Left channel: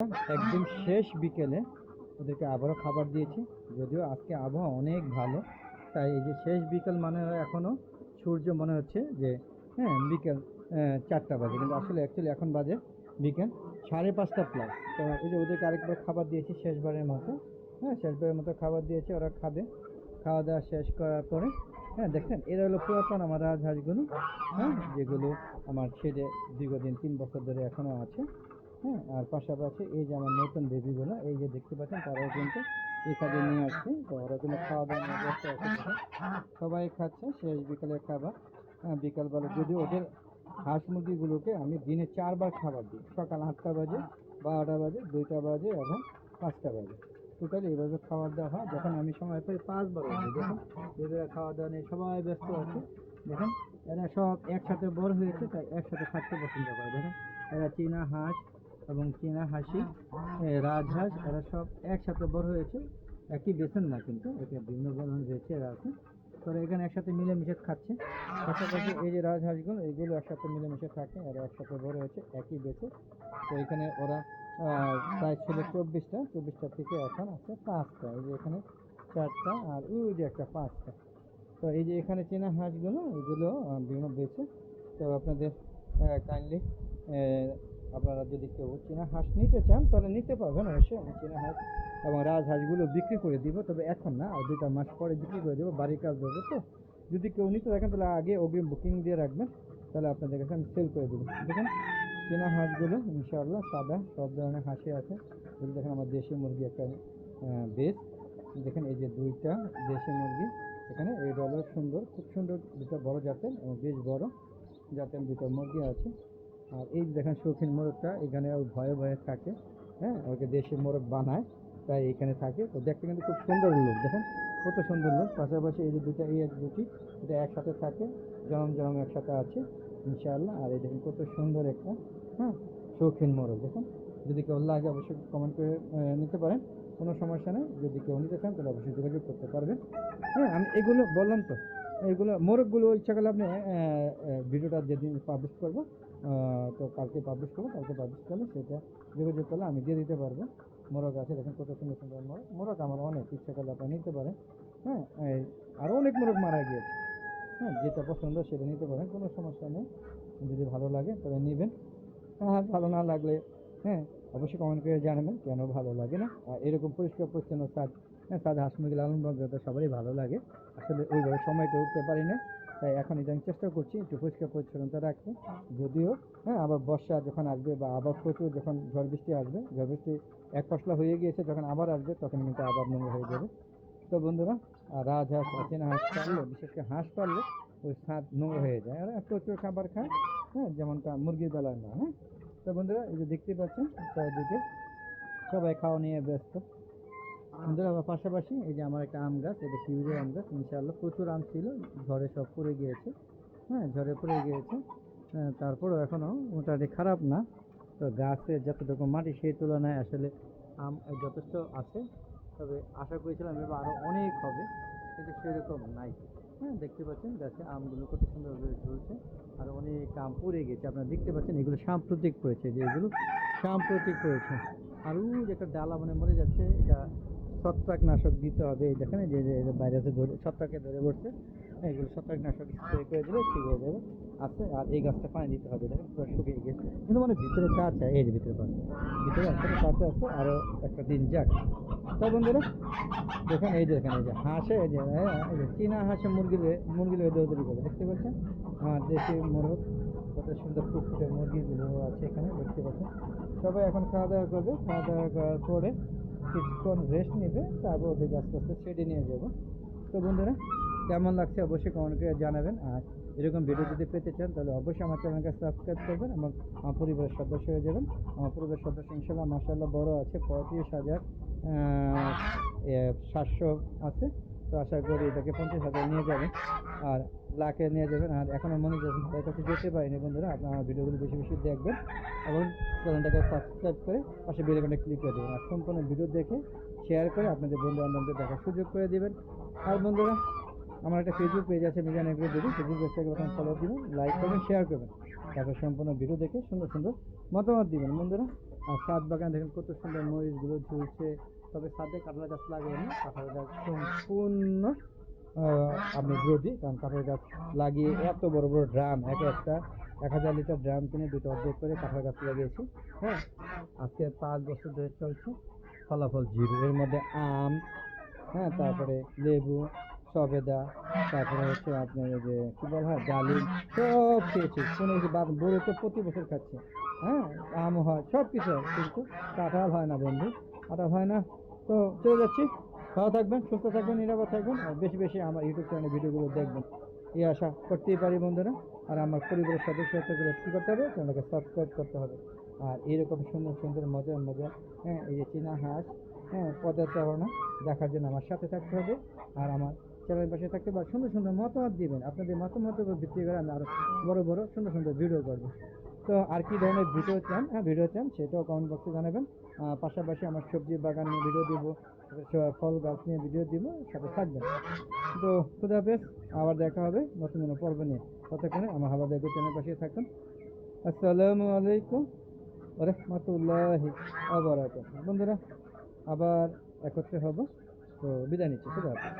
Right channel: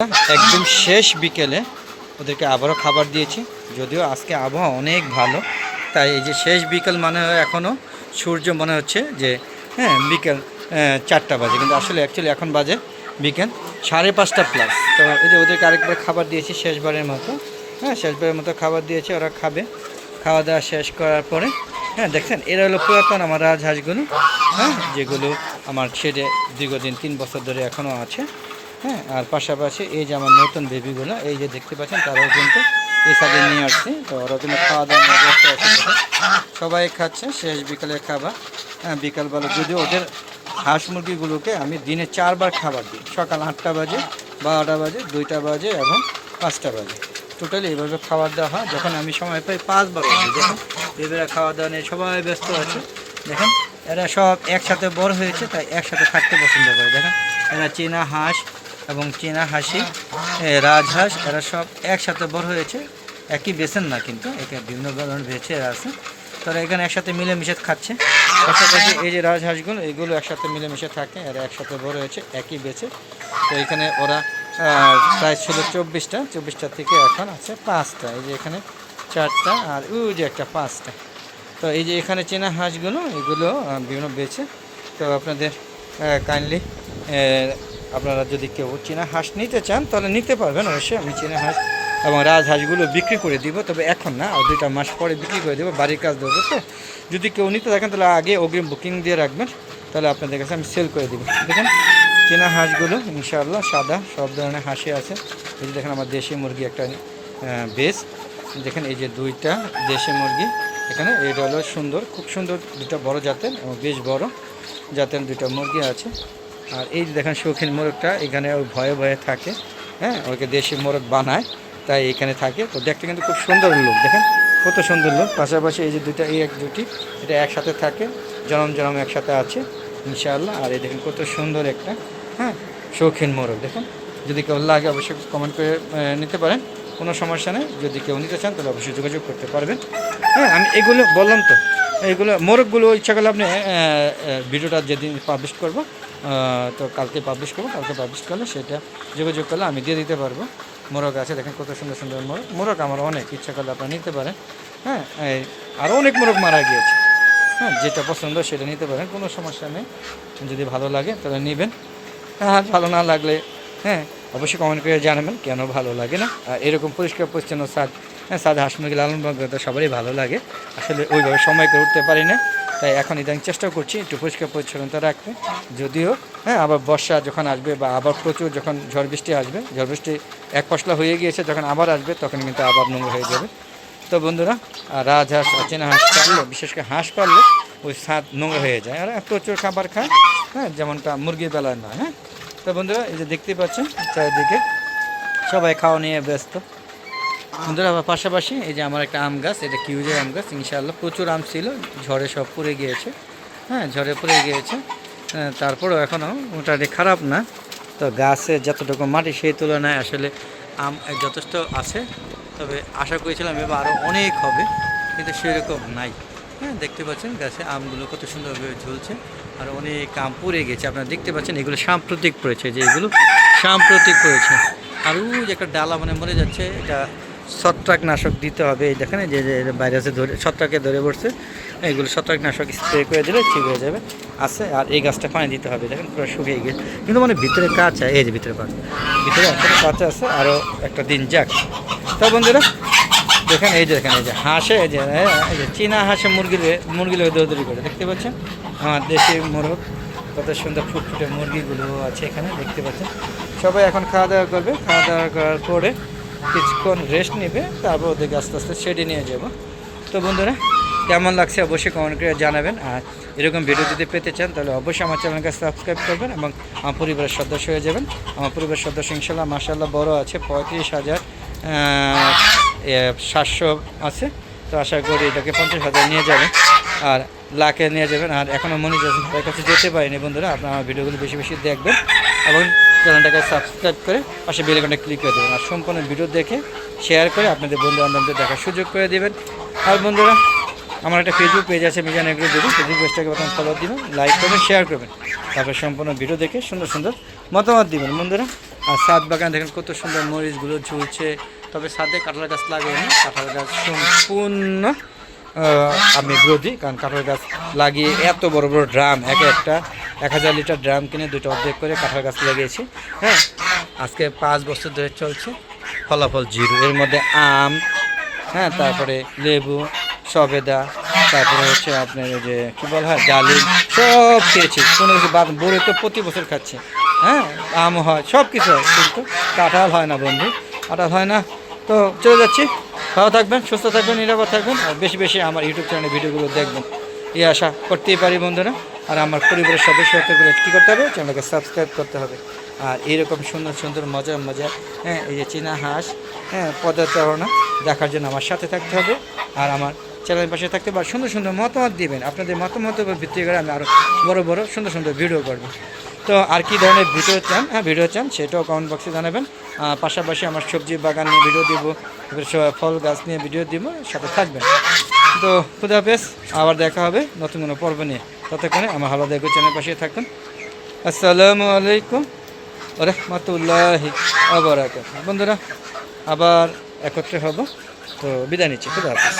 একদম শেষ বিকেলে ওদেরকে আবারও খাবার দিয়েছি। যদিও আজকে আবহাওয়া অনেক ভালো, তাই এই যে শেষ বিকেল মানে এখনও সূর্য মনে হচ্ছে যে বিকেল 4টা বাজে, কিন্তু আসলে অ্যাকচুয়ালি এখন বাজে বিকেল 5:30 প্লাস। তো এই যে ওদেরকে আরেকবার খাবার দিয়েছি শেষবারের মতো। শেষবারের মতো খাবার দিয়েছি, ওরা খাবে। খাওয়া দাওয়া শেষ করার পরে দেখছেন এরা হলো পুরাতন আমার রাজহাঁসগুলো, যেগুলো আমার ছেড়ে দীর্ঘদিন 3 বছর ধরে এখনও আছে। আর পাশাপাশি এই যে আমার নতুন বেবিগুলো, এই যে দেখতে পাচ্ছেন, তারাও কিন্তু এই সাইডে নিয়ে আসছি। তো ওরা কিন্তু খাওয়া দাওয়া ব্যস্ত আছে, সবাই খাচ্ছে শেষ বিকালের খাবার। বিকালবেলা যদিও ওদের হাঁস মুরগিগুলোকে আমি দিনে 4বার খাবার দিই, সকাল 8টা বাজে, 12টা বাজে, 2টা বাজে এবং 5টা বাজে। টোটালি এইভাবে খাবার দেওয়া হয়। যখন আমি সময় পাই 5বার দিই। দেখুন বেবিরা খাওয়া দাওয়া নিয়ে সবাই ব্যস্ত আছে। দেখেন এরা সব একসাথে বড় হয়েছে, তাই একসাথে থাকতে পছন্দ করে। দেখেন এরা চীনা হাঁস এবং চীনা হাসি, রাজহাঁস, এরা সব একসাথে বড় হয়েছে। একই বেছেন না, কিন্তু এখানে বিভিন্ন ধরনের বেছে আছে। তারা এখানে একসাথে মিলেমিশে খাচ্ছে। পাশাপাশি এই যে রাজহাঁসগুলো, এগুলো একসাথে মিলেমিশে থাকে, এরা একসাথে বড় হয়েছে একই বেছে। তো এখানে ওরা প্রায় ছিল 24টা থেকে এখন আছে 5টা। এই যে এখানে 4টা আর ওই যে একটা 5টা। তো এই যে এখানে চীনা হাঁসগুলো, এগুলো বিভিন্ন বেছে। তো আপনাদের কাইন্ডলি আপনারা যদি কেউ চীনা হাঁস নিতে চান তাহলে নিতে পারবেন। অবশ্যই আমি চীনা হাঁস এবং রাজহাঁসগুলো বিক্রি করে দিব, তবে এখন না, আর 2টা মাস পরে বিক্রি করে দেবো, বাড়ির কাজ দেবো। তো যদি কেউ নিতে থাকেন তাহলে আগে অগ্রিম বুকিং দিয়ে রাখবেন, তাহলে আপনাদের কাছে আমি সেল করে দিব। দেখেন চীনা হাঁসগুলো ইনশাআল্লাহ সাদা, সব ধরনের হাঁসি আছে। এই যে দেখেন আমার দেশি মুরগি একটা বেশ, দেখেন এই যে 2টা দেশি মুরগি এখানে। এটা হলো সুন্দর, খুব সুন্দর 2টা বড় জাতের এবং বেশ বড় জাতের 2টা মুরগি আছে। আর এই যে দেখেন শৌখিন মোরগটা এখানে ওই ভয়ে ভয়ে থাকে, ওকে দেশি মোরগ বানায়, তাই এখানে থাকে। তো দেখতে কিন্তু খুব সুন্দর লোক, দেখেন কত সুন্দর লোক। পাশাপাশি এই যে 2টা, এই এক দুটি, এটা একসাথে থাকে, জনম জনম একসাথে আছে ইনশাআল্লাহ। আর এই দেখেন কত সুন্দর একটা শৌখিন মোরগ। দেখেন যদি কেউ লাগে অবশ্যই কমেন্ট করে নিতে পারেন, কোনো সমস্যা নেই। যদি কেউ নিতে চান তাহলে অবশ্যই যোগাযোগ করতে পারবেন। আমি এগুলো বললাম তো, এইগুলো মোরগগুলো ইচ্ছা করলে আপনি ভিডিওটা যেদিন পাবলিশ করব, তো কালকে পাবলিশ করবো, কালকে পাবলিশ করলে সেটা যোগাযোগ করলে আমি দিয়ে দিতে পারবো। মোরগ আছে, দেখেন কত সুন্দর সুন্দর মোরগ। মোরগ আমার অনেক, ইচ্ছা করলে আপনারা নিতে পারেন। আরও অনেক মোরগ মারা গিয়েছে। যেটা পছন্দ সেটা নিতে পারেন, কোনো সমস্যা নেই। যদি ভালো লাগে তাহলে নেবেন, আর ভালো না লাগলে অবশ্যই কমেন্ট করে জানাবেন কেন ভালো লাগে না। এরকম পরিষ্কার পরিচ্ছন্ন সাদা হাঁস মুরগি লালন পালন করতে সবারই ভালো লাগে। আসলে ওইভাবে সময় করে উঠতে পারি না, তাই এখন ইদানিং চেষ্টা করছি একটু পরিষ্কার পরিচ্ছন্নতা রাখতে। যদিও আবার বর্ষা যখন আসবে বা আবার প্রচুর যখন ঝড় বৃষ্টি আসবে, ঝড় বৃষ্টি এক পশলা হয়ে গিয়েছে, যখন আবার আসবে তখন কিন্তু আবার নোংরা হয়ে যাবে। তো বন্ধুরা, রাজহাঁস চীনা হাঁস পারলে, বিশেষ করে হাঁস পারলে ওই স্বাদ নোংরা হয়ে যায়, আর প্রচুর খাবার খায়, যেমনটা মুরগির বেলায় না। তো বন্ধুরা, এই যে দেখতে পাচ্ছেন চারিদিকে সবাই খাওয়া নিয়ে ব্যস্ত। বন্ধুরা, আবার পাশাপাশি এই যে আমার একটা আম গাছ, এটা কিউজের আম গাছ। ইনশাআল্লাহ প্রচুর আম ছিল, ঝড়ে সব পড়ে গিয়েছে। ঝড়ে পড়ে গিয়েছে, তারপরেও এখনও মোটামুটি খারাপ না। তো গাছে যতটুকু মাটি সেই তুলনায় আসলে আম যথেষ্ট আছে, তবে আশা করেছিলাম এবার আরও অনেক হবে, কিন্তু সেরকম নাই। দেখতে পাচ্ছেন গাছে আমগুলো কত সুন্দরভাবে ঝুলছে, আর অনেক আম পড়ে গেছে। আপনারা দেখতে পাচ্ছেন এগুলো সাম্প্রতিক পড়েছে, যে এগুলো সাম্প্রতিক পড়েছে। আর ওই যে একটা ডালা মানে মরে যাচ্ছে, এটা ছত্রাকনাশক দিতে হবে। এই দেখেন যে ভাইরাসে ধরে, ছত্রাকে ধরে পড়ছে, এগুলো ছত্রাকনাশক স্প্রে করে দিলে ঠিক হয়ে যাবে। আছে, আর এই গাছটা পানি দিতে হবে। দেখেন পুরো শুকিয়ে গেছে, কিন্তু মানে ভিতরে কাঁচা, এই যে ভিতরে একটা কাঁচা আছে, আরও একটা দিন যাক। তো বন্ধুরা দেখেন, এই যে দেখেন এই যে হাঁসে, এই যে চীনা হাঁসে মুরগির দৌড়দৌড়ি করে, দেখতে পাচ্ছেন আমার দেশি মোরগ, কত সুন্দর ফুটফুটে মুরগিগুলো আছে এখানে দেখতে পাচ্ছেন। সবাই এখন খাওয়া দাওয়া করবে, খাওয়া দাওয়া করার পরে কিছুক্ষণ রেস্ট নেবে, তারপর ওদেরকে আস্তে আস্তে শেডে নিয়ে যাব। তো বন্ধুরা, কেমন লাগছে অবশ্যই কমেন্ট করে জানাবেন। আর এরকম ভিডিও যদি পেতে চান তাহলে অবশ্যই আমার চ্যানেলকে সাবস্ক্রাইব করবেন এবং আমার পরিবারের সদস্য হয়ে যাবেন। আমার পরিবারের সদস্য ইনশাল্লাহ মাশাআল্লাহ বড় আছে, 35,700 আছে। তো আশা করি এটাকে 50,000 নিয়ে যাবেন, আর লাখে নিয়ে যাবেন। আর এখনও মনিটাইজেশন তার কাছে যেতে পারিনি। বন্ধুরা, আপনারা আমার ভিডিওগুলো বেশি বেশি দেখবেন এবং চ্যানেলটাকে সাবস্ক্রাইব করে পাশে বেল আইকনটা ক্লিক করে দেবেন, আর সম্পূর্ণ ভিডিও দেখে শেয়ার করে আপনাদের বন্ধু বান্ধবদের দেখার সুযোগ করে দেবেন। আর বন্ধুরা, আমার একটা ফেসবুক পেজ আছে মিজান এগ্রো বেবি, ফেসবুক পেজটাকে প্রথম ফলো দিবেন, লাইক করবেন, শেয়ার করবেন, তারপর সম্পূর্ণ ভিডিও দেখে সুন্দর সুন্দর মতামত দিবেন বন্ধুরা। আর ছাদ বাগান দেখেন কত সুন্দর মরিচগুলো ঝুলছে, তবে ছাদে কাঁঠাল গাছ লাগাইনি, কাঁঠাল গাছ সম্পূর্ণ আমি বিরোধী, কারণ কাঁঠাল গাছ লাগিয়ে এত বড় বড় ড্রাম, একটা 1000 লিটার ড্রাম কিনে দুটো অর্ধেক করে কাঁঠাল গাছ লাগিয়েছি। হ্যাঁ, আজকে 5 বছর ধরে চলছে, ফলাফল জিরো। এর মধ্যে আম, হ্যাঁ, তারপরে লেবু, সবেদা, তারপরে হচ্ছে আপনার ওই যে কী বলা হয় ডালিম, সব খেয়েছি, কোনো কিছু বাদ। বড়ি তো প্রতি বছর খাচ্ছে, হ্যাঁ, আম হয়, সব কিছু হয়, কিন্তু কাঁঠাল হয় না বন্ধু, কাঁঠাল হয় না। তো চলে যাচ্ছি, ভালো থাকবেন, সুস্থ থাকবেন, নিরাপদ থাকবেন, আর বেশি বেশি আমার ইউটিউব চ্যানেলে ভিডিওগুলো দেখবেন, এই আশা করতেই পারি বন্ধুরা। আর আমার পরিবারের সদস্যগুলো কী করতে হবে, চ্যানেলকে সাবস্ক্রাইব করতে হবে। আর এইরকম সুন্দর সুন্দর মজার মজার, হ্যাঁ, এই যে চীনা হাঁস, হ্যাঁ, পদচারণা দেখার জন্য আমার সাথে থাকতে হবে, আর আমার চ্যানেলের পাশে থাকতে হবে। আর সুন্দর সুন্দর মতামত দিবেন, আপনাদের মতামতের উপর ভিত্তি করে আমি আরও বড় বড় সুন্দর সুন্দর ভিডিও করব। তো আর কি ধরনের ভিডিও চান, হ্যাঁ, ভিডিও চান সেটাও কমেন্ট বক্সে জানাবেন। পাশাপাশি আমার সবজি বাগান নিয়ে ভিডিও দিব, ফল গাছ নিয়ে ভিডিও দিব, সাথে থাকবেন। তো খুদা হাফেজ, আবার দেখা হবে নতুন কোনো পর্ব নিয়ে। ততক্ষণে আমার হালাদা এগ্রো চ্যানেল পাশে থাকুন। আসসালামু আলাইকুম ওয়া রাহমাতুল্লাহি ওয়া বারাকাতুহু। বন্ধুরা আবার একত্রে হব, তো বিদায় নিচ্ছি, খুদা হাফেজ।